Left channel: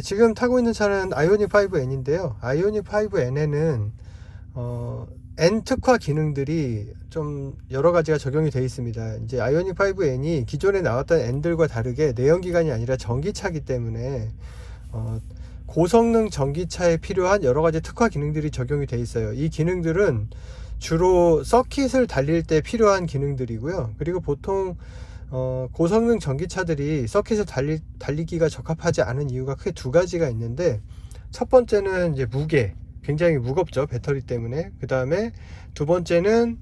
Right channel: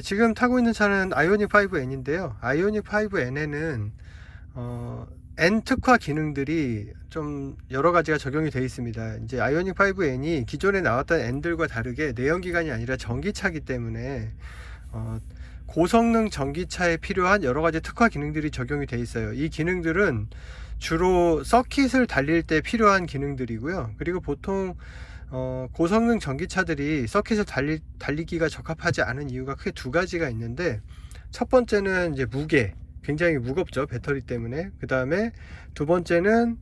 네, 지금 타고 있는 차는 아이오닉 5N인데요. 아이오닉 5N에는 N 특화 기능들이 좀 여러 가지가 적용이 되어 있습니다. 이제 아이오닉 5N이 기존에 나왔던 N들과 다르게 내연기관이 아니라 전기차이기 때문에 고성능 전기차에 필요한 여러 가지 특화 기능들이 적용이 되어 있어요. 이 기능들은 주로 서킷을 달릴 때 필요한 기능들이고요. 그리고 보통 고성능 전기차들이 서킷을 달리기가 적합하지 않은 이유가 크게 두 가지가 있는데, 첫 번째는 이제 무게, 굉장히 무겁죠, 배터리 때문에. 그 다음에 두 번째는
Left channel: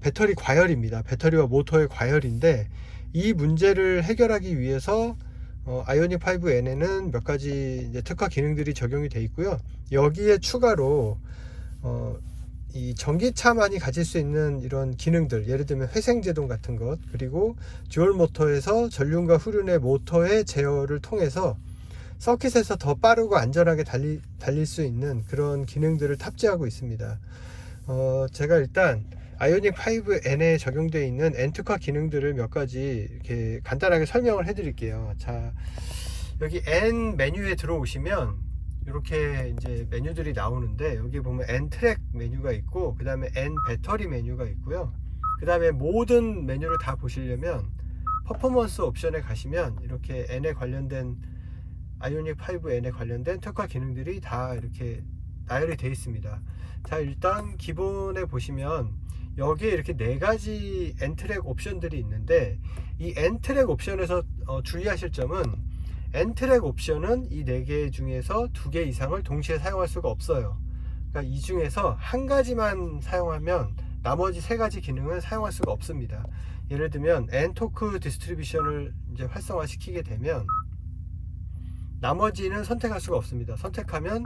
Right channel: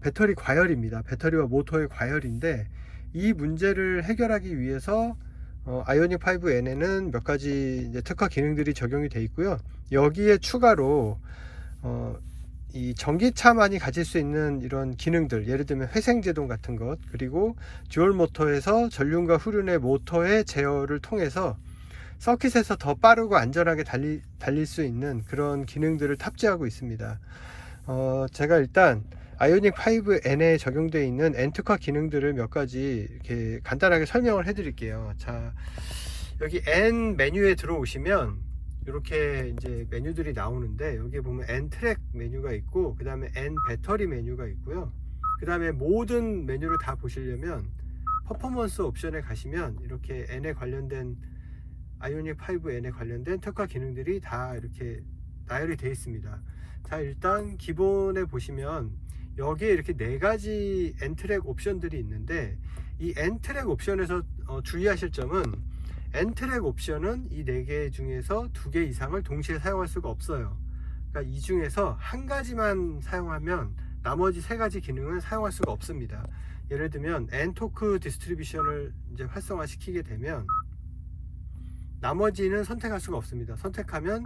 배터리 과열입니다. 배터리와 모터의 과열인데, 이 문제를 해결하기 위해서 아이오닉 5N에는 몇 가지 이제 특화 기능들이 적용이 되어 있고요. 여기에 추가로 이 전기차만이 가질 수 있는 이런 기능들, 예를 들면 회생제동 같은 것, 그리고 듀얼 모터에서 전륜과 후륜의 모터의 제어를 통해서 서킷에서 더 빠르고 안전하게 달릴 수 있는 그런 기능들을 탑재하고 있습니다. 제가 일단 아이오닉 5N에 적용되어 있는 N 특화 기능들을 몇 가지 이렇게 간단하게 설명을 해 드릴게요. 자, 여기 N 메뉴에 들어오시면 이렇게 이제 메뉴들이 나오는데, 여기 보면 N 트랙 메뉴가 있고, 그 다음에 N 배터리 메뉴가 있고요. 그 다음에 모든 메뉴를 다 보시려면 퍼포먼스 옵션에 가시면 이렇게 N에 관련된, 아이오닉 5N에 관련된 특화 기능들이 다 이렇게 나열이 되어 있습니다. 자, 일단 기본에 보시면 여기에 이렇게 네 가지 N 트랙 옵션들이 있는데, 이 N 트랙 옵션에서 주의하실 점은, N 트랙 옵션은 이 4개 중에서 2개 이상을 동시에 사용할 수가 없어요. 그러니까 이 중에서 한 가지만 사용하면 나머지 3가지 기능을 사용할 수가 없습니다. 예를 들면 N 토크 디스트리뷰션을 이제 활성화 시키게 되면 나머지는 선택할 수가 없습니다. 선택하면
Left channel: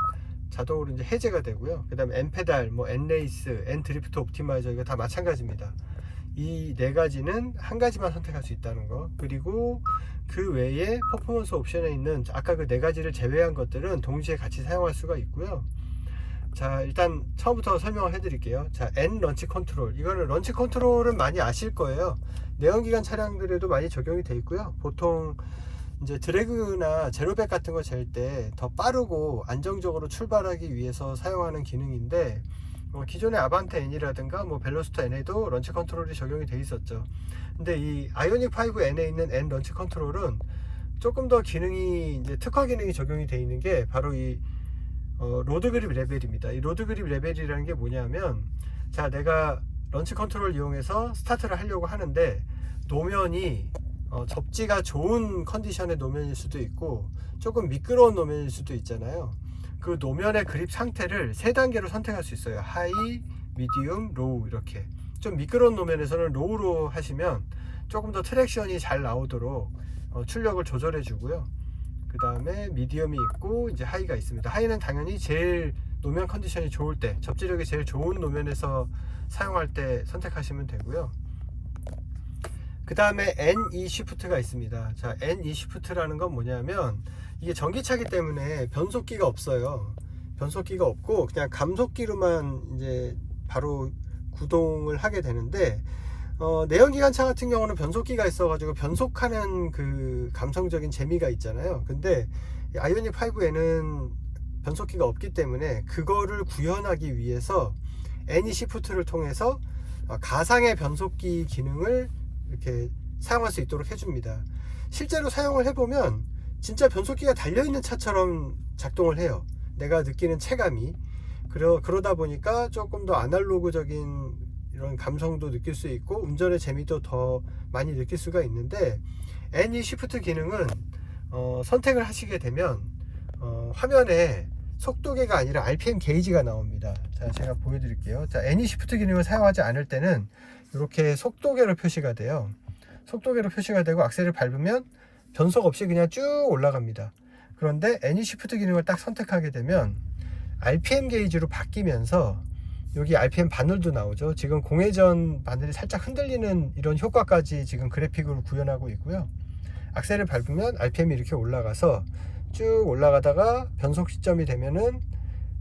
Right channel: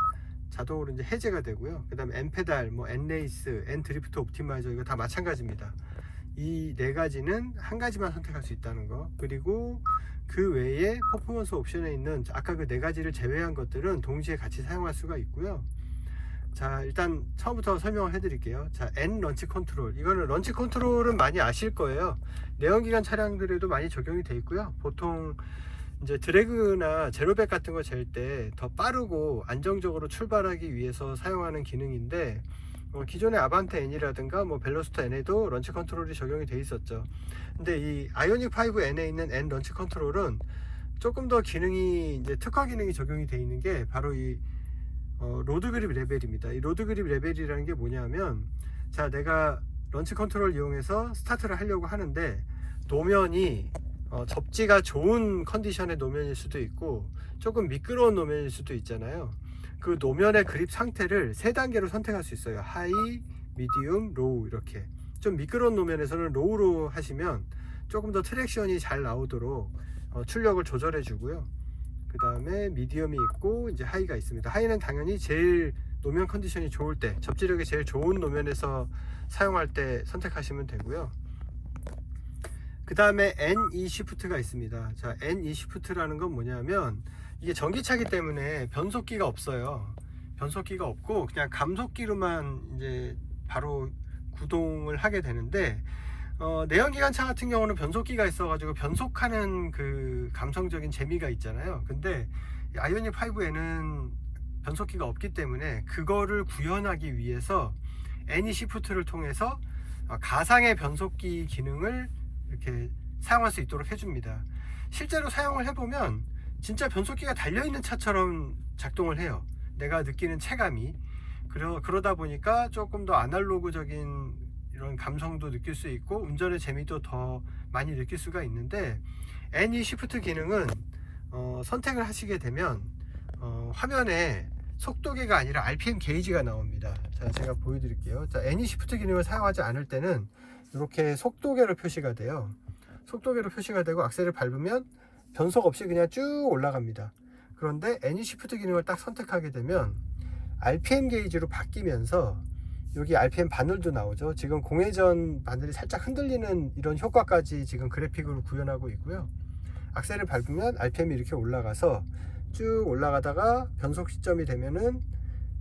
자동으로 이제 해제가 되고요. 그 다음에 N 페달, 뭐 N 레이스, N 드리프트 옵티마이저, 이거 다 마찬가지입니다. 이 4가지는 한 가지만 선택할 수 있다는 거. 그리고 그 외에 퍼포먼스 옵션에 있는 아까 그 4가지를 제외한 것들은 동시에 같이 사용할 수가 있고요. 자, 일단 처음부터 설명을 해 드릴게요. 자, N 런치 컨트롤, 이거는 런치 컨트롤은 많이 아실 거예요. 내연기관 차량들에도 많이 적용이 되어 있고요. 보통 이제 드래그나 제로백 같은 거 잴 때 더 빠르고 안정적으로 출발하기 위해서 사용하는 기능인데, 기존의 아반떼 N이라든가 뭐 벨로스터 N에도 런치 컨트롤이 적용이 돼 있었죠. 근데 이 아이오닉 5N에 있는 N 런치 컨트롤은 조금 더 기능이, 이제 특화 기능이 적용이 돼 있는 게 바로 이 로드 그립 레벨입니다. 이 로드 그립 레벨이라는 게 뭐냐면, 자, 내가 런치 컨트롤 이용해서 스타트를 하려고 하는데 노면이 접지가 좋은 컨디션의 노면일 수도 있고 조금 미끄러운 노면일 수도 있잖아요. 그 노면의 그립 상태를 3단계로 선택할 수 있어요. 하이, 미디움, 로우. 이렇게 좀 미끄러운 노면에서는 로우로 하시면 조금 더 트랙션이 잘 나오도록 출력을 조절해 주고요. 그 다음에 미디움이 있고 이제 하이가 있습니다. 하이는 당연히 제일 노면 컨디션이 좋을 때, 접지력이 제일 좋은 노면에서 사용할 때 선택하시면 되고요. 그 다음에 NE 시프트가 있습니다. 자, NE 시프트라는 건 뭐냐면, 이게 전기차기 때문에 변속기가 없어요. 변속기가 없고 그냥 감속기로만 이제 바로 구동을 하게 되는데, 내연기관차 같은 경우는 변속기가 있어가지고 변속하는 그 감성적인 재미가 있잖아요. 근데 아이오닉 5에는 변속기가 없기 때문에 그거를 구현하기 위해서 NE 시프트를 통해서 가상의 변속기 기능을 이렇게 사용할 수 있도록 해줍니다. 실제로 사용을 해보면 진짜 변속기가 달려있는 차처럼 작동을 해요. 내가 느끼는 체감이. 그러다 보니까 조금 더 아날로그적인 이런 감성도 느낄 수 있고 운전의 재미도 더 많이 느낄 수가 있는데, NE 시프트 기능은 선택을 하시게 되면 화면에 속도계가 아니라 RPM 게이지가 나옵니다. 자, 제가 보여드릴게요. 자, NE 시프트 기능을 사용하지 않을 때는 이렇게 속도계로 표시가 돼요. 속도계로 표시가 되고 악셀을 밟으면 변속 없이 그냥 쭉 올라갑니다. 그런데 NE 시프트 기능을 딱 선택하게 되면 RPM 게이지로 바뀌면서 여기 RPM 바늘도 나오죠. 지금 공회전 바늘이 살짝 흔들리는 이런 효과까지 지금 그래픽으로 구현하고 있고요. 악셀을 밟으면 RPM이 이렇게 올라가서 쭉 올라가다가 변속 시점이 되면은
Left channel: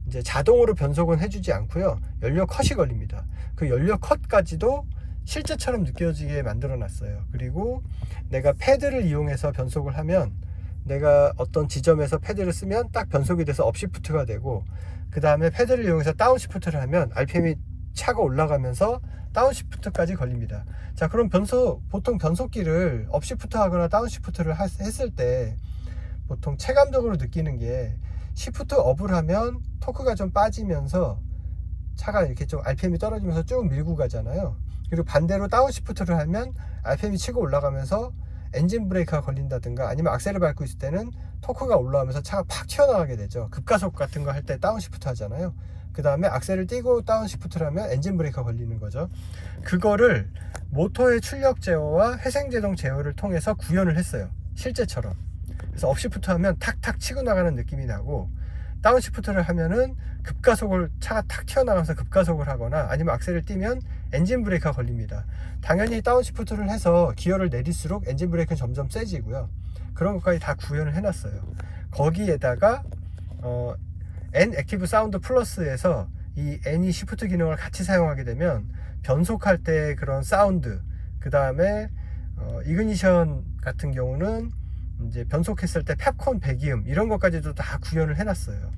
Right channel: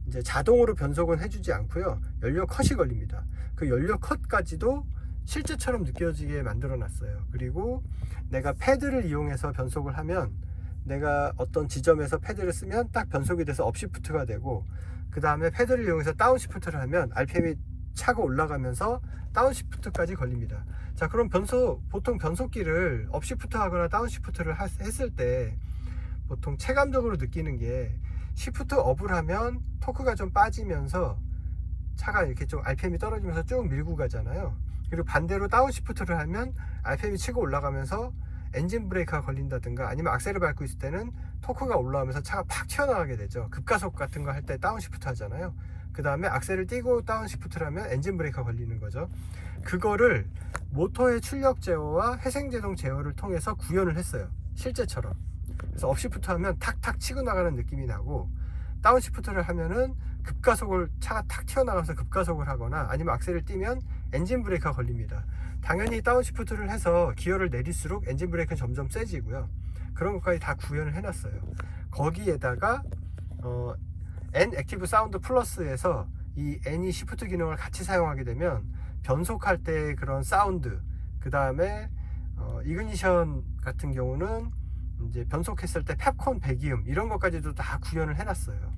이제 자동으로 변속은 해주지 않고요. 연료 컷이 걸립니다. 그 연료 컷까지도 실제처럼 느껴지게 만들어 놨어요. 그리고 내가 패드를 이용해서 변속을 하면 내가 어떤 지점에서 패드를 쓰면 딱 변속이 돼서 업시프트가 되고, 그 다음에 패드를 이용해서 다운시프트를 하면 RPM이 차가 올라가면서 다운시프트까지 걸립니다. 자, 그럼 보통 변속기를 업시프트 하거나 다운시프트를 했을 때 보통 체감적으로 느끼는 게, 시프트 업을 하면 토크가 좀 빠지면서 차가 이렇게 좀 RPM이 떨어지면서 쭉 밀고 가잖아요. 그리고 반대로 다운시프트를 하면 RPM이 치고 올라가면서 엔진 브레이크가 걸린다든가, 아니면 악셀을 밟고 있을 때는 토크가 올라오면서 차가 팍 튀어나가게 되죠. 급가속 같은 거 할 때 다운시프트 하잖아요. 그 다음에 악셀을 띄고 다운시프트를 하면 엔진 브레이크가 걸리는 거죠. 그거를 모터의 출력 제어와 회생제동 제어를 통해서 구현을 했어요, 실제처럼. 그래서 업시프트 하면 탁탁 치고 나가는 느낌이 나고, 다운시프트를 하면은 차가 탁 튀어나가면서 급가속을 하거나, 아니면 악셀을 띄면 엔진 브레이크가 걸립니다. 당연히 다운시프트를 해서 기어를 내릴수록 엔진 브레이크는 점점 세지고요. 그런 것까지 다 구현을 해놨어요. 거기에다가 N 액티브 사운드 플러스에서 이 N이 시프트 기능을 같이 사용하게 되면 변속할 때 그런 사운드, 그 다음에 이그니션 같은 경우는 이제 변속했을 때 팝콘 배기음, 이런 것까지도 다 구현을 해놨어요.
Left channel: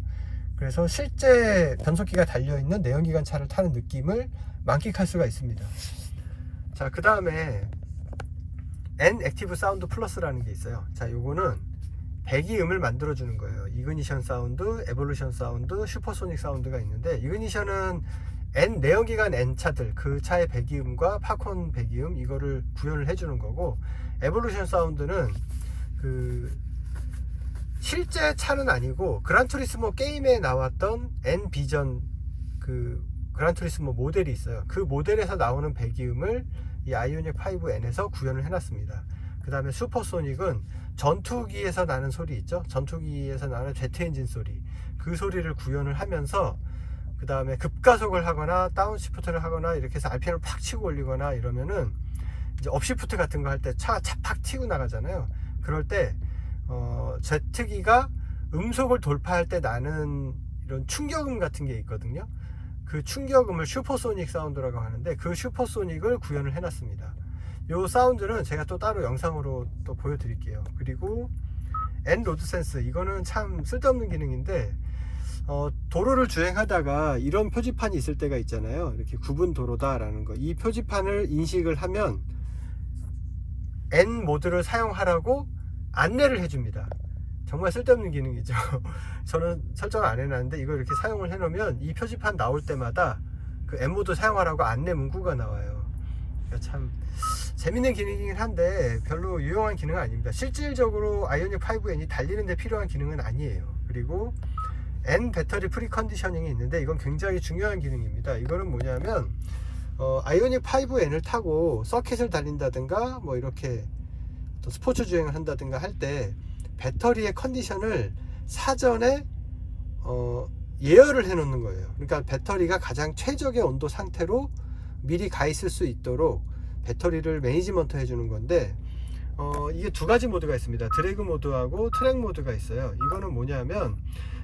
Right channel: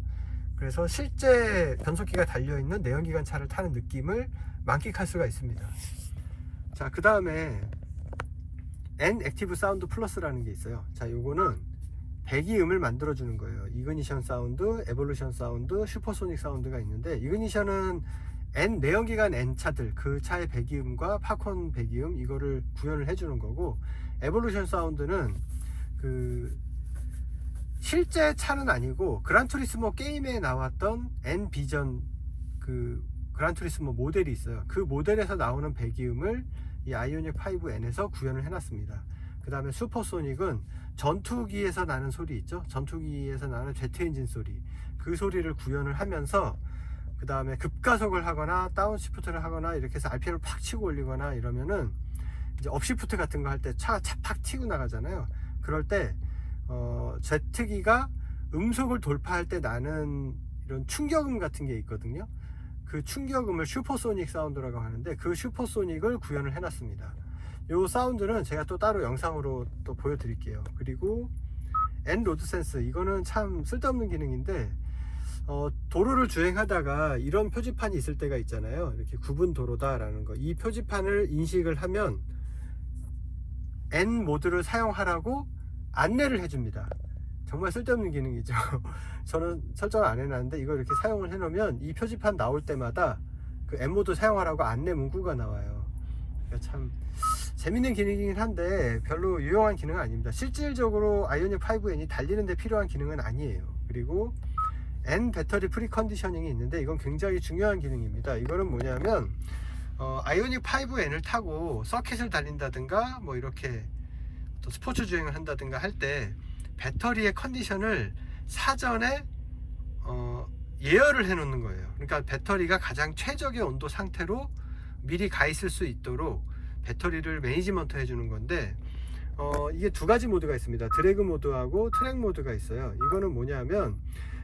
그래서 실제 변속기가 달려있는 내연기관 차를 타는 느낌을 만끽할 수가 있습니다. 자, 그 다음에 N 액티브 사운드 플러스라는 게 있어요. 자, 요거는 배기음을 만들어주는 거예요. 이그니션 사운드, 에볼루션 사운드, 슈퍼소닉 사운드가 있는데, 이그니션은 내연기관 N 차들, 그 차의 배기음과 팝콘 배기음, 이거를 구현을 해주는 거고, 에볼루션 사운드는 실제 차는 아니고 그란투리스모 게임에 나왔던 N 비전 그란투리스모 모델이 있어요. 그 모델에서 나오는 배기음을 이 아이오닉 5N에서 구현을 해놨습니다. 그 다음에 슈퍼소닉은 전투기에서 나는 소리 있죠. 전투기에서 나는 제트 엔진 소리, 그 소리를 구현을 하면서, 그 다음에 급가속을 하거나 다운시프트를 하거나 이렇게 해서 RPM을 팍 치고 올리거나 이러면은, 이제 업시프트 같은 거 할 때 차가 팍 튀고 나가잖아요. 그럴 때 제트기가 음속을 돌파할 때 나는 이런 충격음 같은 게 있거든요. 그 충격음을 슈퍼소닉 사운드라고 하는데, 그 슈퍼소닉을 구현을 해놨습니다. 요 사운드는 제가 또 따로 영상으로 또 보여드릴게요. 그리고 N 로드 센스, 이거는 참 쓸데없는 기능인데, 도로를 주행하다가 이런 표지판이 있을 때가 있잖아요. 이렇게 구분 도로다 라는 거, 이 표지판을 인식을 하면 N 모드를 사용하라고 안내를 해줍니다. 정말 쓸데없는 기능이죠. 저는 설정을 안 해놨는데, 이걸 이렇게 사용을 해놓으면 이 표지판 나올 때마다 그 N 모드 사용하라고 안내 문구가 나와요. 그러니까 참 재밌는 기능이긴 한데 별로 유용한 기능은 아닙니다. 실질적으로 아이오닉 5N이 달리는 데 필요한 기능은 아니에요. 그리고 N 배터리 프리 컨디셔닝이 있는데, 이건 굉장히 중요한 기능입니다. 이거는 뭐냐면 아이오닉 5N을 타고 서킷을 달린다든가, 뭐 이렇게 또 스포츠 주행을 한다든가 할 때 배터리의 컨디션을 사전에 예열을 해 놓는 거예요. 그러니까 배터리가 가장 최적의 온도 상태로 미리 가 있을 수 있도록 배터리를 매니지먼트 해 주는 건데, 이게 두 가지 모드가 있습니다. 드래그 모드하고 트랙 모드가 있어요. 이거는 뭐냐면,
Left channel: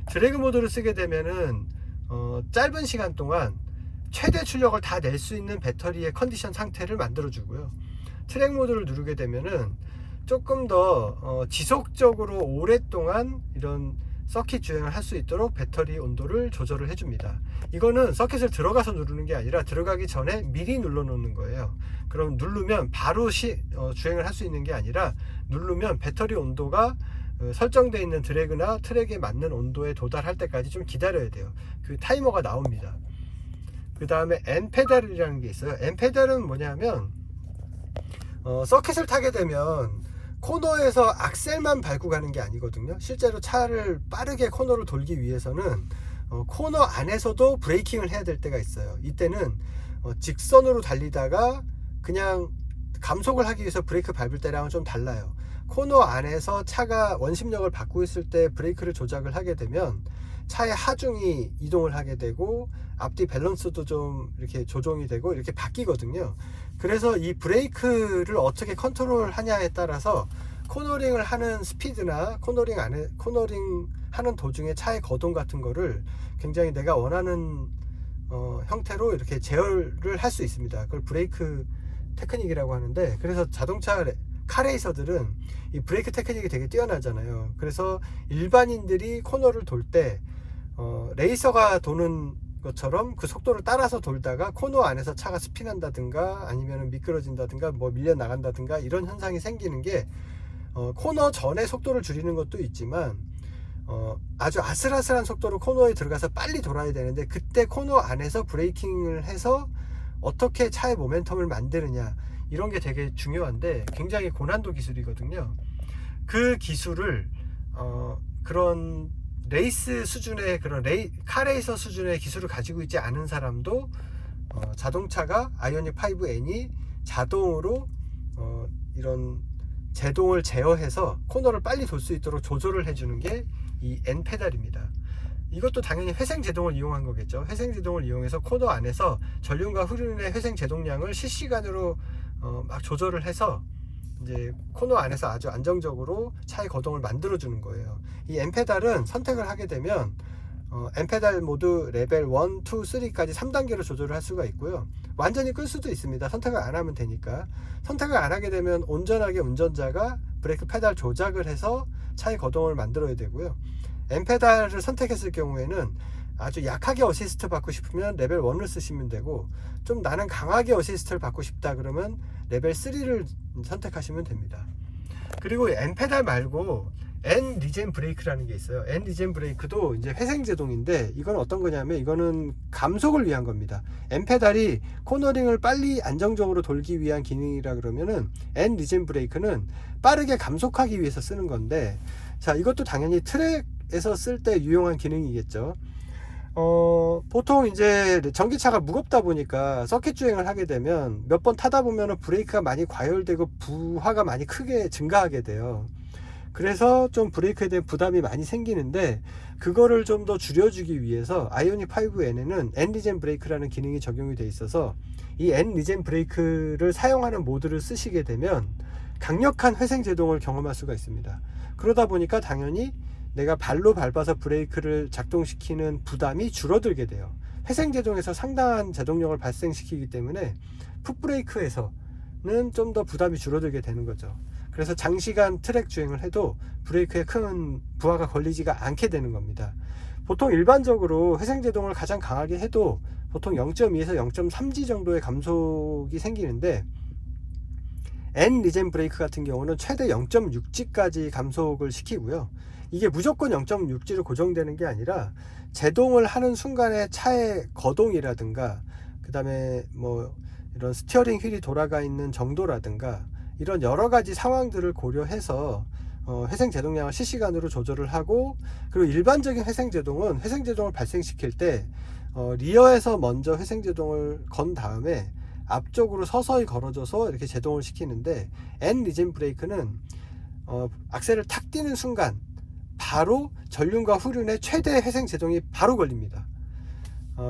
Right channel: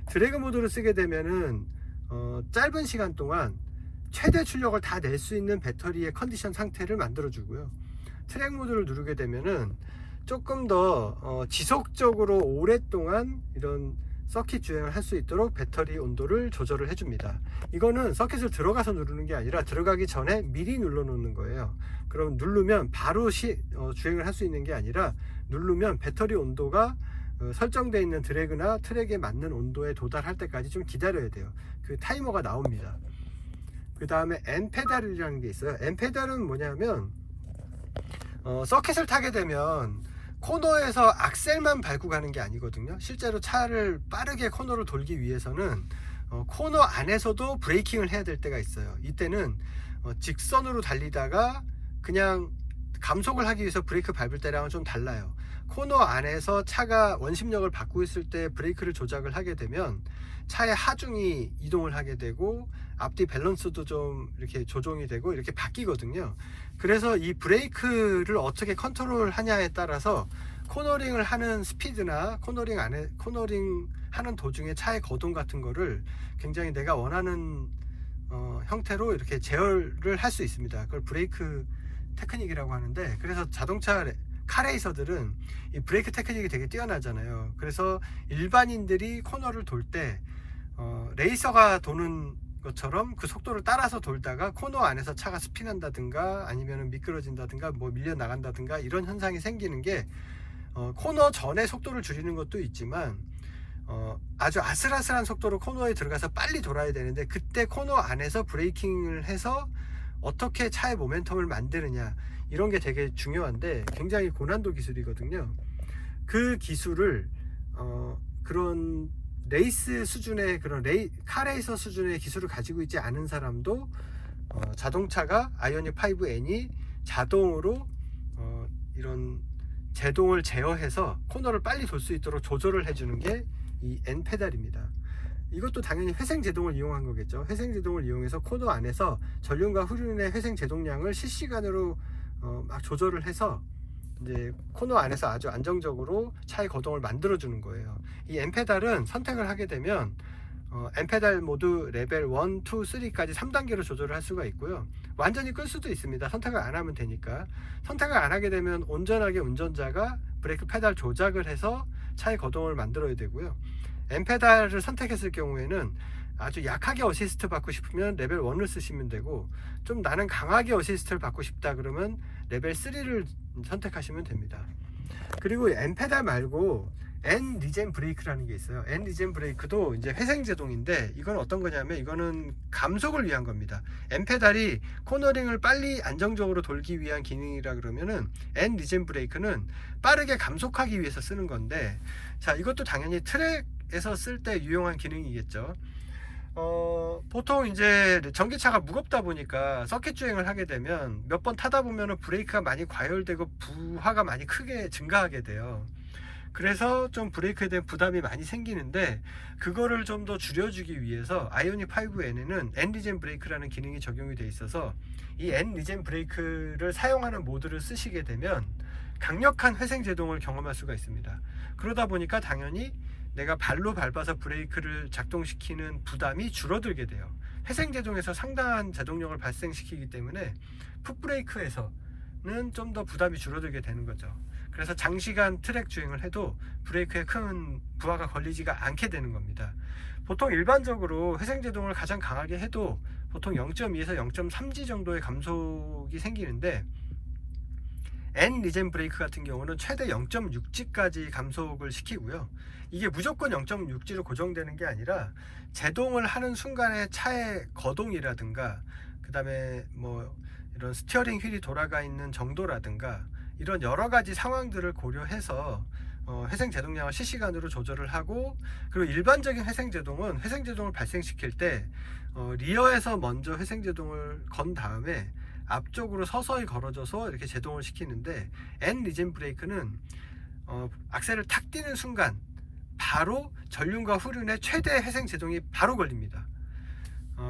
드래그 모드를 쓰게 되면은 짧은 시간 동안 최대 출력을 다 낼 수 있는 배터리의 컨디션 상태를 만들어 주고요. 트랙 모드를 누르게 되면은 조금 더 지속적으로 오랫동안 이런 서킷 주행을 할 수 있도록 배터리 온도를 조절을 해줍니다. 이거는 서킷을 들어가서 누르는 게 아니라 들어가기 전에 미리 눌러 놓는 거예요. 그럼 누르면 바로 주행을 할 수 있는 게 아니라, 누르면 배터리 온도가 설정되어 있는 드래그나 트랙에 맞는 온도에 도달할 때까지 좀 기다려야 돼요. 그 타이머가 나옵니다. 그 다음에 N 페달이라는 게 있어요. N 페달은 뭐냐면, 서킷을 타게 되면 코너에서 악셀만 밟고 가는 게 아니거든요. 실제로 차를 빠르게 코너를 돌기 위해서는 코너 안에서도 브레이킹을 해야 될 때가 있어요. 이때는 직선으로 달리다가 그냥 감속을 하기 위해서 브레이크 밟을 때랑은 좀 달라요. 코너 안에서 차가 원심력을 받고 있을 때 브레이크를 조작을 하게 되면 차의 하중이 이동을 하게 되고, 앞뒤 밸런스도 좀 이렇게 조정이 되고 이렇게 바뀌거든요. 그래서 이 브레이크를 어떻게 컨트롤 하냐에 따라서 코너링을 하는 스피드나 코너링 하는 도중에 차의 거동 같은 거를 굉장히 내가 원하는 형태로 이렇게 제어를 할 수 있습니다. 그걸 브레이크 테크닉이라고 하는데, 그래서 자동차 카레이서들은 이 브레이크 테크닉이 되게 뛰어나잖아요. 그래서 일반인들이 코너를 돌 때 레이서가 도는 것처럼 그 속도를 따라서 돌다가 코너 안에서 차가 스핀한다든가 아니면 미끄러진다든가 뭐 밀려 나간다든가 이런 현상이 생기는 게 코너 전에 속도를 줄이는 것도 있지만 아주 아슬아슬한 속도로 코너에 들어가서 빨리 돌아야 되는데 그때 코너 안에서 브레이킹을 해서 어떻게 차의 모멘텀을 만드느냐 이런 게 되게 중요한데 굉장히 고난도 기술이거든요. 그 기술을 그런 레이스 수준의 그런 카레이서 수준의 기술을 가지고 있지 않은 사람도 자동차가 아이오닉 5N이 자동으로 이런 제동을 제어해서 코너를 빨리 돌 수 있도록 조절을 해주는 게 이 N 페달입니다. 이것도 당연히 회생 제동을 이용한 거겠죠. 회생 제동을 이용해서 코너 안에서 전륜과 후륜의 회생 제동량을 실시간으로 막 조절을 해서 이제 코너 안에서 아주 안정적으로 차의 거동을 만들어 주는 거예요. 이 N 페달은 선택을 하게 되면 N 페달 모드 레벨 1, 2, 3까지 3단계로 조절을 할 수가 있고요. 완전히 끌 수도 있습니다. 선택을 안 하면 되니까. 선택을 안 하게 되면 온전하게 운전자가 브레이크 페달 조작을 해서 차의 거동을 만들어야 되고요. N 페달을 선택했을 경우에는 아주 약하게 어시스트 받고 싶으면 레벨 1을 쓰시면 되고, 좀 나는 강하게 어시스트를 받고 싶다 그러면 레벨 3를 선택하시면 됩니다. 그리고 N 페달 말고 N 리젠 브레이크라는 게 있어요. N 리젠 브레이크도 이제 회생 제동인데, 이건 어떤 거냐면 이거는 감속을 위한 겁니다. N 페달이 코너링을 빨리 안정적으로 돌기 위한 기능이라 그러면은 N 리젠 브레이크는 빠르게 감속하기 위해서 쓰는 건데, 자, 이것도 당연히 트랙에서 쓸 때 유용한 기능이겠죠. 보통 이제 전기차가 무겁다 보니까 서킷 주행을 하게 되면 몇 번 타다 보면 브레이크가 많이 과열되고 부하가 많이 크게 증가하게 돼요. 그래서 좀 브레이크에 대한 부담이 많이 생기는데, 그거를 좀 더 줄여주기 위해서 아이오닉 5N에는 N 리젠 브레이크라는 기능이 적용이 되어 있어서 이 N 리젠 브레이크를 사용하는 모드를 쓰시게 되면 강력한 회생 제동을 경험할 수가 있습니다. 그러다 보니까 당연히 내가 발로 밟아서 브레이크를 작동시키는 부담이 줄어들게 돼요. 회생 제동에서 상당한 제동력을 발생시키기 때문에 풋브레이크에서는 좀 더 부담이 줄어들게 되는 거죠. 그래서 장시간 트랙 주행을 해도 브레이크에 큰 부하가 걸리지가 않게 되는 겁니다. 보통 일반적으로 회생 제동을 가장 강하게 해도 보통 0.2에서 0.3G 정도의 감속이 생기는데, N 리젠 브레이크 같은 경우는 최대 0.6G까지 감속을 시키고요. 이게 무조건 0.6G로 고정되는 게 아니라 제동을 하는 순간에 차의 거동이라든가 그 다음에 뭐 이런 스티어링 휠이 돌아가 있는 정도라든가 이런 여러 가지 상황들을 고려해서 회생 제동량을 실시간으로 조절을 하고, 그리고 일반적인 회생 제동은 회생 제동을 발생시킬 때 리어에서 먼저 회생 제동을 건 다음에 앞쪽으로 서서히 걸어줘서 이렇게 제동을 시키는데, N 리젠 브레이크는 악셀을 탁 뛰는 순간 바로 전륜과 후륜의 최대 회생 제동이 바로 걸립니다.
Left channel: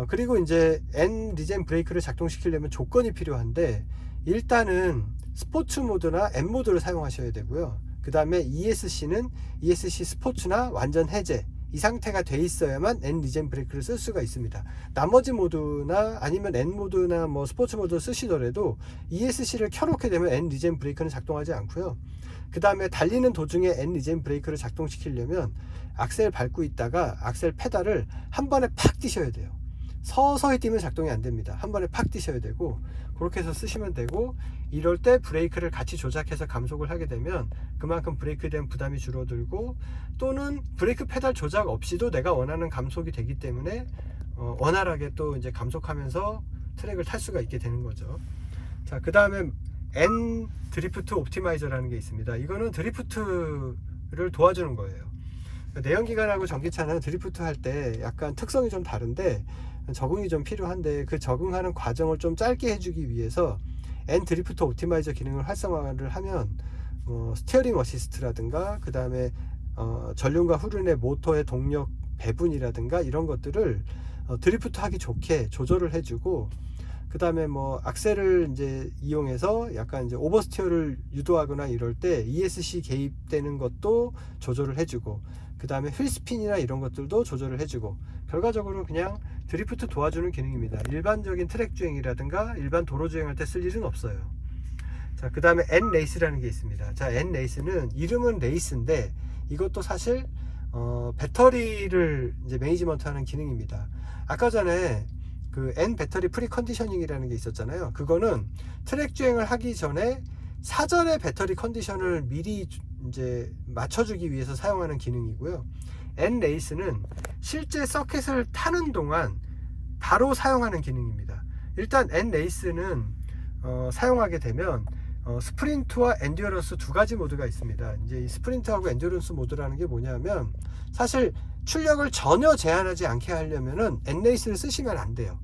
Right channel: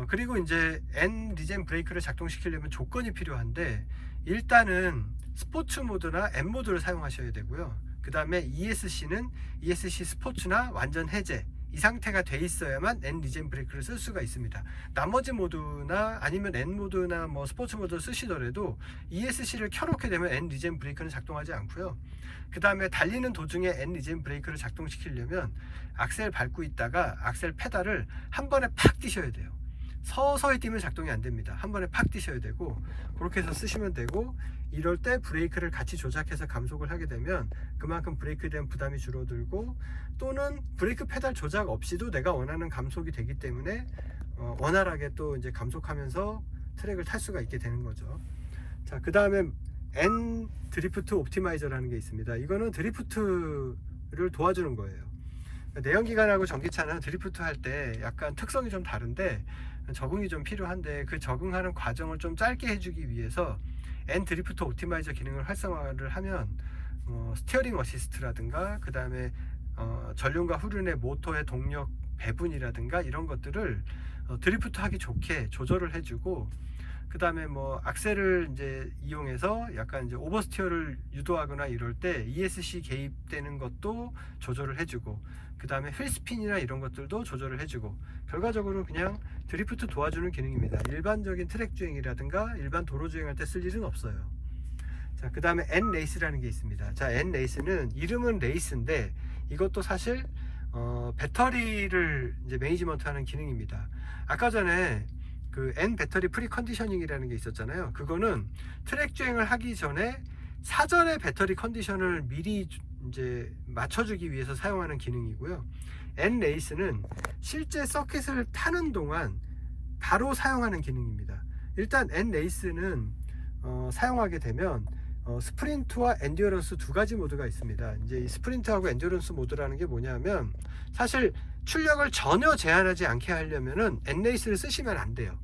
그리고 이제 N 리젠 브레이크를 작동시키려면 조건이 필요한데, 일단은 스포츠 모드나 M 모드를 사용하셔야 되고요. 그 다음에 ESC는 ESC 스포츠나 완전 해제 이 상태가 돼 있어야만 N 리젠 브레이크를 쓸 수가 있습니다. 나머지 모드나 아니면 N 모드나 뭐 스포츠 모드 쓰시더라도 ESC를 켜놓게 되면 N 리젠 브레이크는 작동하지 않고요. 그 다음에 달리는 도중에 N 리젠 브레이크를 작동시키려면 악셀 밟고 있다가 악셀 페달을 한 번에 팍 뛰셔야 돼요. 서서히 뛰면 작동이 안 됩니다. 한 번에 팍 뛰셔야 되고, 그렇게 해서 쓰시면 되고, 이럴 때 브레이크를 같이 조작해서 감속을 하게 되면 그만큼 브레이크에 대한 부담이 줄어들고, 또는 브레이크 페달 조작 없이도 내가 원하는 감속이 되기 때문에 원활하게 또 이제 감속하면서 트랙을 탈 수가 있게 되는 거죠. 자, 그 다음에 N 드리프트 옵티마이저라는 게 있습니다. 이거는 드리프트를 도와주는 거예요. 내연기관하고 전기차는 드리프트 할 때 약간 특성이 좀 다른데 적응이 좀 필요한데, 그 적응하는 과정을 좀 짧게 해주기 위해서 N 드리프트 옵티마이저 기능을 활성화를 하면 스티어링 어시스트라든가 그 다음에 전륜과 후륜의 모터의 동력 배분이라든가 이런 것들을 드리프트 하기 좋게 조절을 해주고, 그 다음에 뭐 악셀을 이제 이용해서 약간 이제 오버스티어를 유도하거나 이럴 때 ESC 개입되는 것도 조절을 해주고, 그 다음에 휠스핀이나 이런 것들도 조절을 해주고, 결과적으로 그냥 드리프트 도와주는 기능입니다. 일반적인 트랙 주행이라든가 일반 도로 주행할 때 쓸 일은 없어요. 자, 그 다음에 N-레이스라는 게 있습니다. 자, N-레이스는 이름은 레이스인데 이것도 사실 배터리를 이제 매니지먼트하는 기능입니다. 아까 전에 그 N 배터리 프리 컨디셔닝이라는 게 있었잖아요. 그거는 트랙 주행을 하기 전에 사전에 배터리 컨디션을 미리 이제 맞춰주기 위해서 사용하는 기능이고요. N 레이스는 실제 서킷을 타는 동안 바로 사용하는 기능입니다. 일단 N 레이스는 사용하게 되면 스프린트와 엔듀어런스 두 가지 모드가 있습니다. 이제 이 스프린트하고 엔듀어런스 모드라는 게 뭐냐면 사실 출력을 전혀 제한하지 않게 하려면은 N 레이스를 쓰시면 안 돼요.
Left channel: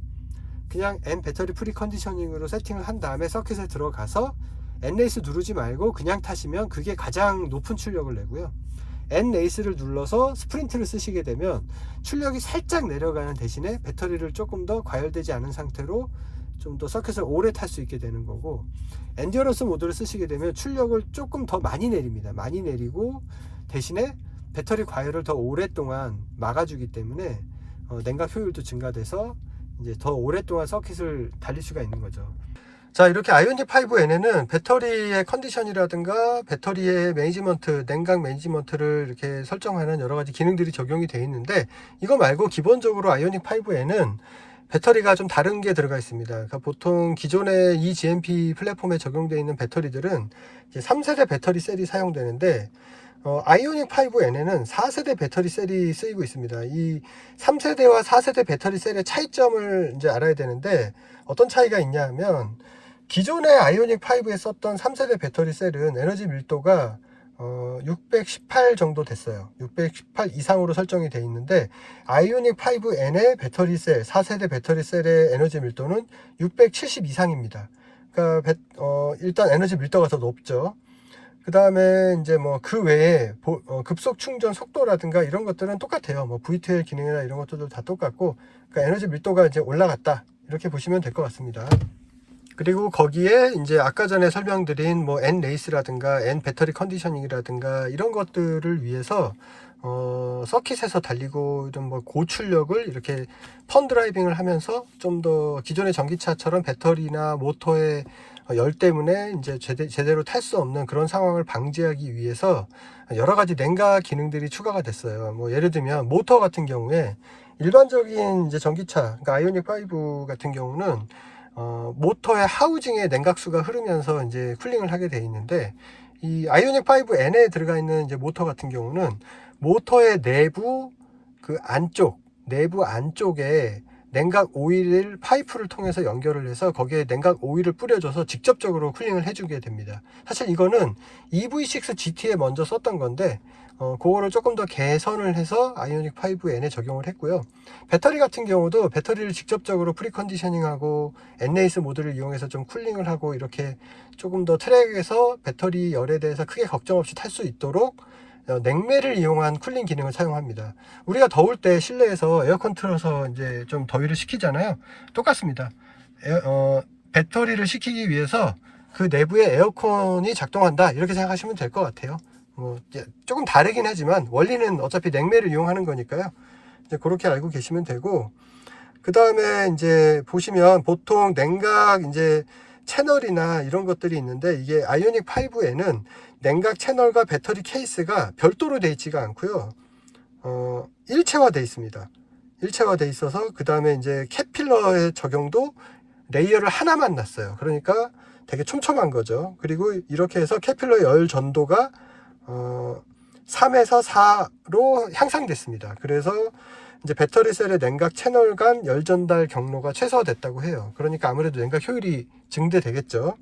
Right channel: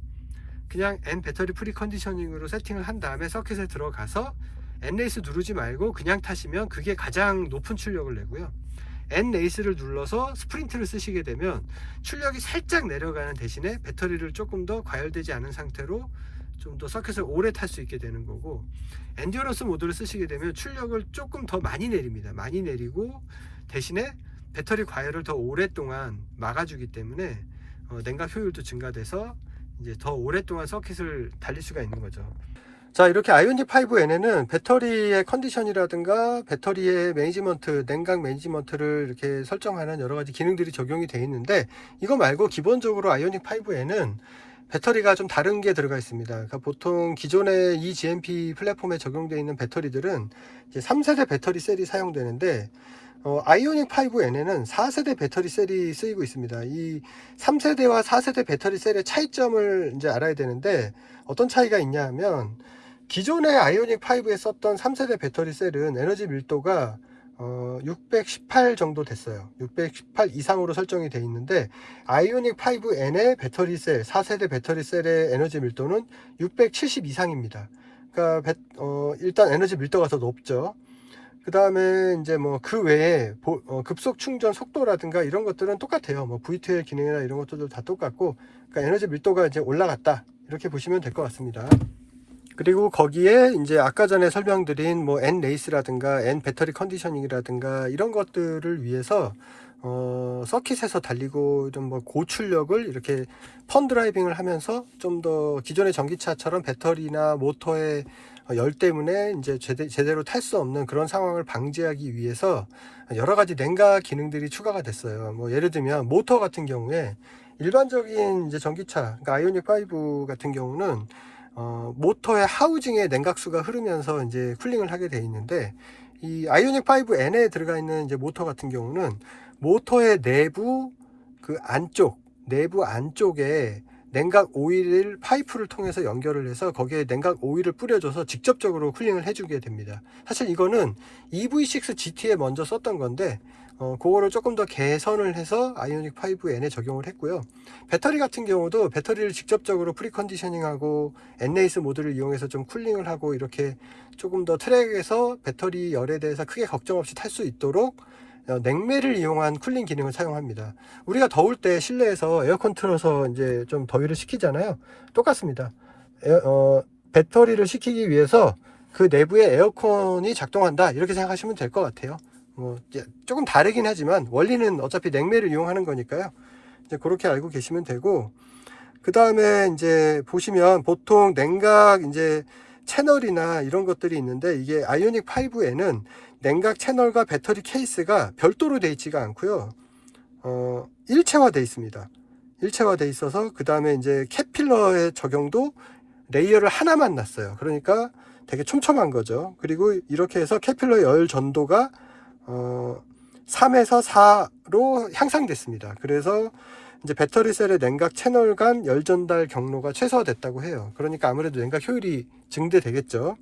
그냥 N 배터리 프리 컨디셔닝으로 세팅을 한 다음에 서킷에 들어가서 N 레이스 누르지 말고 그냥 타시면 그게 가장 높은 출력을 내고요. N 레이스를 눌러서 스프린트를 쓰시게 되면 출력이 살짝 내려가는 대신에 배터리를 조금 더 과열되지 않은 상태로 좀 더 서킷을 오래 탈 수 있게 되는 거고, 엔듀어런스 모드를 쓰시게 되면 출력을 조금 더 많이 내립니다. 많이 내리고 대신에 배터리 과열을 더 오랫동안 막아주기 때문에 냉각 효율도 증가돼서 이제 더 오랫동안 서킷을 달릴 수가 있는 거죠. 자, 이렇게 아이오닉 5N에는 배터리의 컨디션이라든가 배터리의 매니지먼트, 냉각 매니지먼트를 이렇게 설정하는 여러 가지 기능들이 적용이 되어 있는데, 이거 말고 기본적으로 아이오닉 5N은 배터리가 좀 다른 게 들어가 있습니다. 그러니까 보통 기존의 eGMP 플랫폼에 적용되어 있는 배터리들은 이제 3세대 배터리 셀이 사용되는데, 아이오닉 5N에는 4세대 배터리 셀이 쓰이고 있습니다. 이 3세대와 4세대 배터리 셀의 차이점을 이제 알아야 되는데, 어떤 차이가 있냐 하면, 기존의 아이오닉 5에 썼던 3세대 배터리 셀은 에너지 밀도가 618 정도 됐어요. 618 이상으로 설정이 되어 있는데, 아이오닉 5N의 배터리 셀, 4세대 배터리 셀의 에너지 밀도는 670 이상입니다. 그러니까 일단 에너지 밀도가 더 높죠. 그 다음에 이제 뭐 그 외에 급속 충전 속도라든가 이런 것들은 똑같아요. 뭐 V2L 기능이나 이런 것들도 다 똑같고, 그러니까 에너지 밀도가 이제 올라갔다, 이렇게 보시면 될 것 같습니다. 그리고 거기에 이제 아까 전에 설명드린 뭐 N 레이스라든가 N 배터리 컨디셔닝이라든가 이런 것들을 위해서 서킷에서 달리고 좀 뭐 고출력을 이렇게 펀 드라이빙을 하면서 좀 더 기존의 전기차처럼 배터리나 모터의 열 때문에 이제 제대로 탈 수 없는 그런 상황을 방지하기 위해서 여러 가지 냉각 기능들이 추가가 됐어요. 뭐 예를 들면 모터 같은 경우에 일반적인 이제 전기차, 그러니까 아이오닉 5 같은 경우는 모터의 하우징에 냉각수가 흐르면서 이제 쿨링을 하게 되어 있는데, 이 아이오닉 5N에 들어가 있는 이제 모터 같은 경우는 모터의 내부 안쪽에 냉각 오일을 파이프를 통해서 연결을 해서 거기에 냉각 오일을 뿌려줘서 직접적으로 쿨링을 해주게 됩니다. 사실 이거는 EV6 GT에 먼저 썼던 건데, 그거를 조금 더 개선을 해서 아이오닉 5N에 적용을 했고요. 배터리 같은 경우도 배터리를 직접적으로 프리컨디셔닝하고 N-레이스 모드를 이용해서 좀 쿨링을 하고, 이렇게 조금 더 트랙에서 배터리 열에 대해서 크게 걱정 없이 탈 수 있도록 냉매를 이용한 쿨링 기능을 사용합니다. 우리가 더울 때 실내에서 에어컨 틀어서 이제 좀 더위를 식히잖아요. 똑같습니다. 배터리를 식히기 위해서 그 내부에 에어컨이 작동한다, 이렇게 생각하시면 될 것 같아요. 조금 다르긴 하지만 원리는 어차피 냉매를 이용하는 거니까요. 이제 그렇게 알고 계시면 되고, 그 다음에 이제 보시면 보통 냉각 이제 채널이나 이런 것들이 있는데, 이게 아이오닉 5에는 냉각 채널과 배터리 케이스가 별도로 되어 있지가 않고요. 일체화되어 있습니다. 일체화되어 있어서 그 다음에 이제 캡필러의 적용도 레이어를 하나만 놨어요. 그러니까 되게 촘촘한 거죠. 그리고 이렇게 해서 캡필러 열 전도가 3에서 4로 향상됐습니다. 그래서 이제 배터리 셀의 냉각 채널 간 열 전달 경로가 최소화됐다고 해요. 그러니까 아무래도 냉각 효율이 증대되겠죠.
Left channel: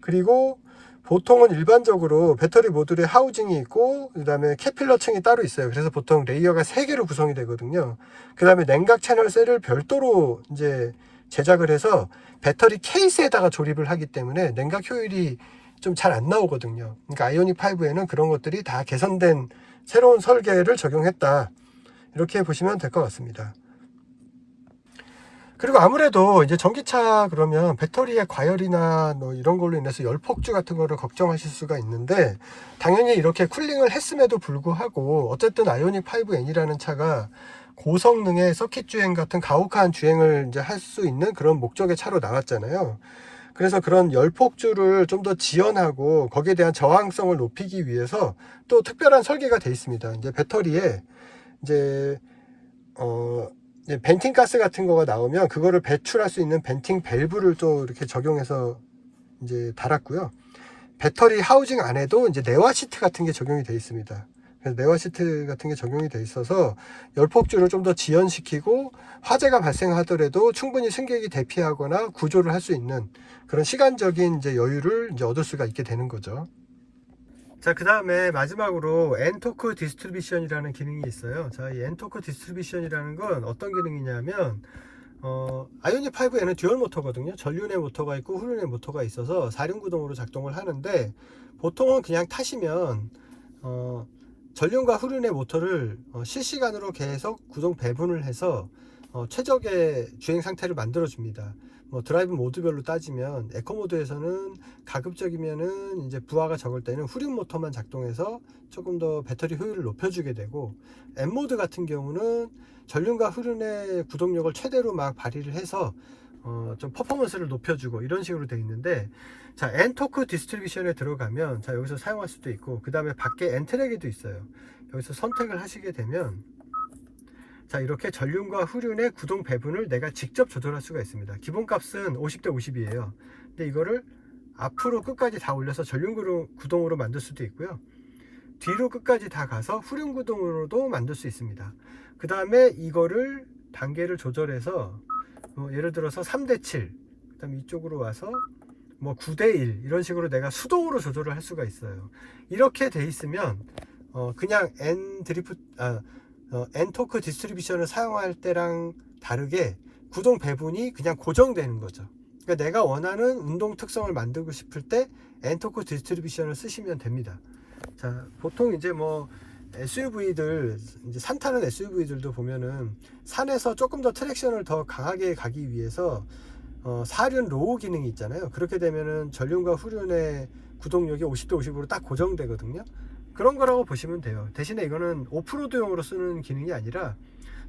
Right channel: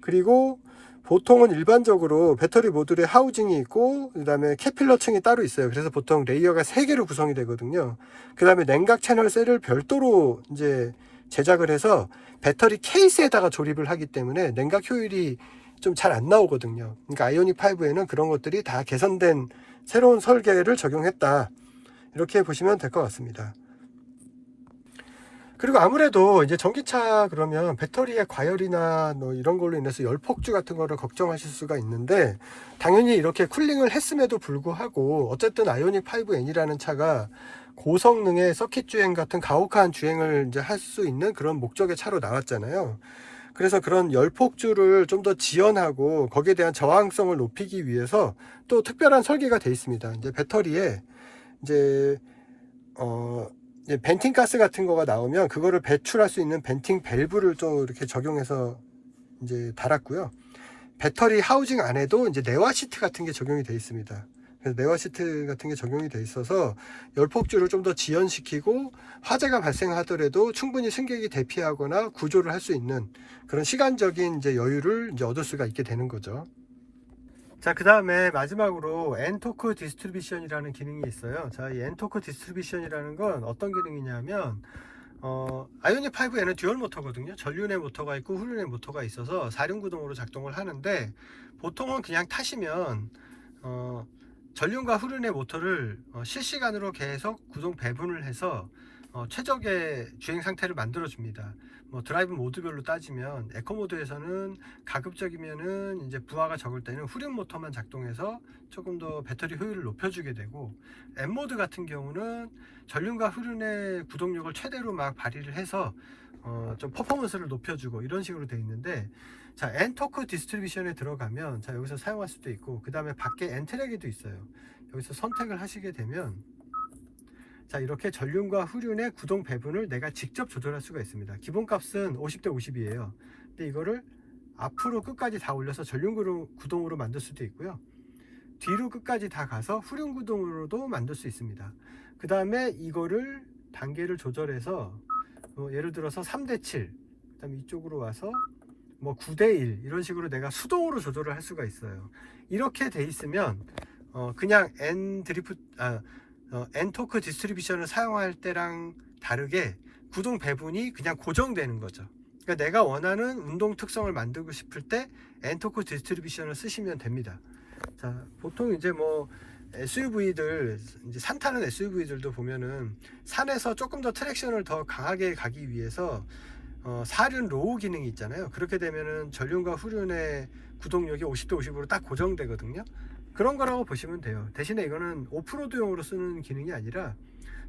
그리고 보통은 일반적으로 배터리 모듈에 하우징이 있고, 그 다음에 캐필러 층이 따로 있어요. 그래서 보통 레이어가 3개로 구성이 되거든요. 그 다음에 냉각 채널 셀을 별도로 이제 제작을 해서 배터리 케이스에다가 조립을 하기 때문에 냉각 효율이 좀 잘 안 나오거든요. 그러니까 아이오닉 5에는 그런 것들이 다 개선된 새로운 설계를 적용했다, 이렇게 보시면 될 것 같습니다. 그리고 아무래도 이제 전기차 그러면 배터리의 과열이나 뭐 이런 걸로 인해서 열폭주 같은 거를 걱정하실 수가 있는데, 당연히 이렇게 쿨링을 했음에도 불구하고 어쨌든 아이오닉 5N이라는 차가 고성능의 서킷 주행 같은 가혹한 주행을 이제 할 수 있는 그런 목적의 차로 나왔잖아요. 그래서 그런 열폭주를 좀 더 지연하고 거기에 대한 저항성을 높이기 위해서 또 특별한 설계가 되어 있습니다. 이제 배터리에 이제 벤팅 가스 같은 거가 나오면 그거를 배출할 수 있는 벤팅 밸브를 좀 이렇게 적용해서 이제 달았고요. 배터리 하우징 안에도 이제 내화 시트 같은 게 적용이 되어 있습니다. 그래서 내화 시트 같은 게 적용이 되어 있어서 열폭주를 좀 더 지연시키고 화재가 발생하더라도 충분히 승객이 대피하거나 구조를 할 수 있는 그런 시간적인 이제 여유를 이제 얻을 수가 있게 되는 거죠. 자, 그 다음에 마지막으로 엔토크 디스트리뷰션이라는 기능이 있어요. 자, 이 엔토크 디스트리뷰션이라는 건 어떤 기능이냐면 아이오닉 5에는 듀얼 모터거든요. 전륜의 모터가 있고 후륜의 모터가 있어서 4륜구동으로 작동을 하는데, 보통은 그냥 타시면 전륜과 후륜의 모터를 실시간으로 계속 구동 배분을 해서 최적의 주행 상태를 만들어 줍니다. 뭐 드라이브 모드별로 따지면 에코 모드에서는 가급적이면은 이제 부하가 적을 때는 후륜 모터만 작동해서 조금 더 배터리 효율을 높여주게 되고, M 모드 같은 경우는 전륜과 후륜의 구동력을 최대로 막 발휘를 해서 좀 퍼포먼스를 높여주고 이런 식으로 되어 있는데, 자, 엔토크 디스트리뷰션에 들어가면 자, 여기서 사용할 수도 있고, 그 다음에 밖에 엔트랙에도 있어요. 여기서 선택을 하시게 되면 자, 이렇게 전륜과 후륜의 구동 배분을 내가 직접 조절할 수가 있습니다. 기본값은 50대 50이에요. 근데 이거를 앞으로 끝까지 다 올려서 전륜 구동으로 만들 수도 있고요. 뒤로 끝까지 다 가서 후륜 구동으로도 만들 수 있습니다. 그 다음에 이거를 단계를 조절해서 예를 들어서 3대 7, 그 다음에 이쪽으로 와서 뭐 9대 1 이런 식으로 내가 수동으로 조절을 할 수가 있어요. 이렇게 돼 있으면 그냥 엔토크 디스트리뷰션을 사용할 때랑 다르게 구동 배분이 그냥 고정되는 거죠. 그러니까 내가 원하는 운동 특성을 만들고 싶을 때 엔토크 디스트리뷰션을 쓰시면 됩니다. 자, 보통 이제 뭐 SUV들, 이제 산 타는 SUV들도 보면은 산에서 조금 더 트랙션을 더 강하게 가기 위해서 4륜 로우 기능이 있잖아요. 그렇게 되면은 전륜과 후륜의 구동력이 50대 50으로 딱 고정되거든요. 그런 거라고 보시면 돼요. 대신에 이거는 오프로드용으로 쓰는 기능이 아니라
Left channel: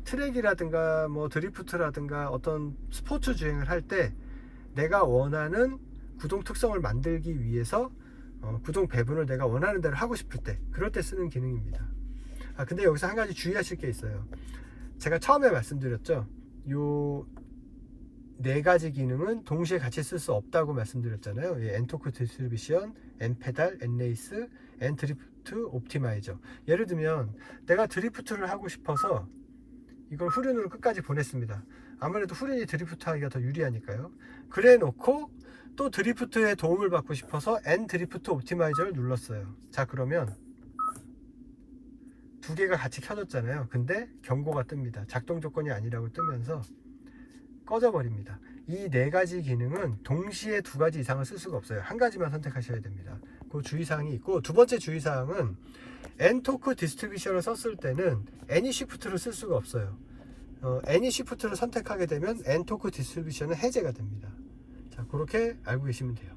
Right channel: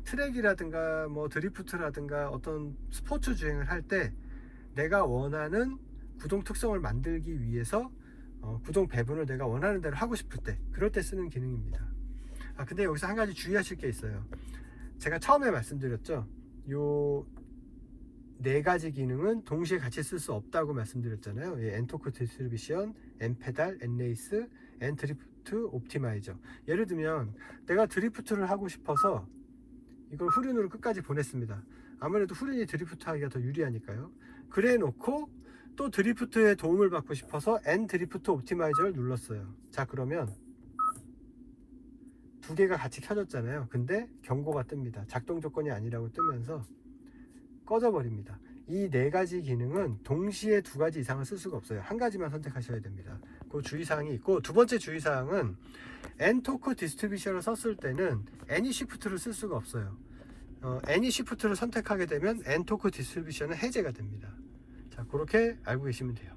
트랙이라든가 뭐 드리프트라든가 어떤 스포츠 주행을 할 때 내가 원하는 구동 특성을 만들기 위해서 구동 배분을 내가 원하는 대로 하고 싶을 때, 그럴 때 쓰는 기능입니다. 근데 여기서 한 가지 주의하실 게 있어요. 제가 처음에 말씀드렸죠. 요 네 가지 기능은 동시에 같이 쓸 수 없다고 말씀드렸잖아요. 엔토크 디스트리뷰션, 엔페달, 엔레이스, 엔드리프트 옵티마이저. 예를 들면 내가 드리프트를 하고 싶어서 이걸 후륜으로 끝까지 보냈습니다. 아무래도 후륜이 드리프트 하기가 더 유리하니까요. 그래 놓고 또 드리프트에 도움을 받고 싶어서 엔드리프트 옵티마이저를 눌렀어요. 자, 그러면 두 개가 같이 켜졌잖아요. 근데 경고가 뜹니다. 작동 조건이 아니라고 뜨면서 꺼져 버립니다. 이 네 가지 기능은 동시에 두 가지 이상을 쓸 수가 없어요. 한 가지만 선택하셔야 됩니다. 그 주의사항이 있고, 두 번째 주의사항은 엔토크 디스트리뷰션을 썼을 때는 애니 시프트를 쓸 수가 없어요. 애니 시프트를 선택하게 되면 엔토크 디스트리뷰션은 해제가 됩니다. 자, 그렇게 알고 계시면 돼요.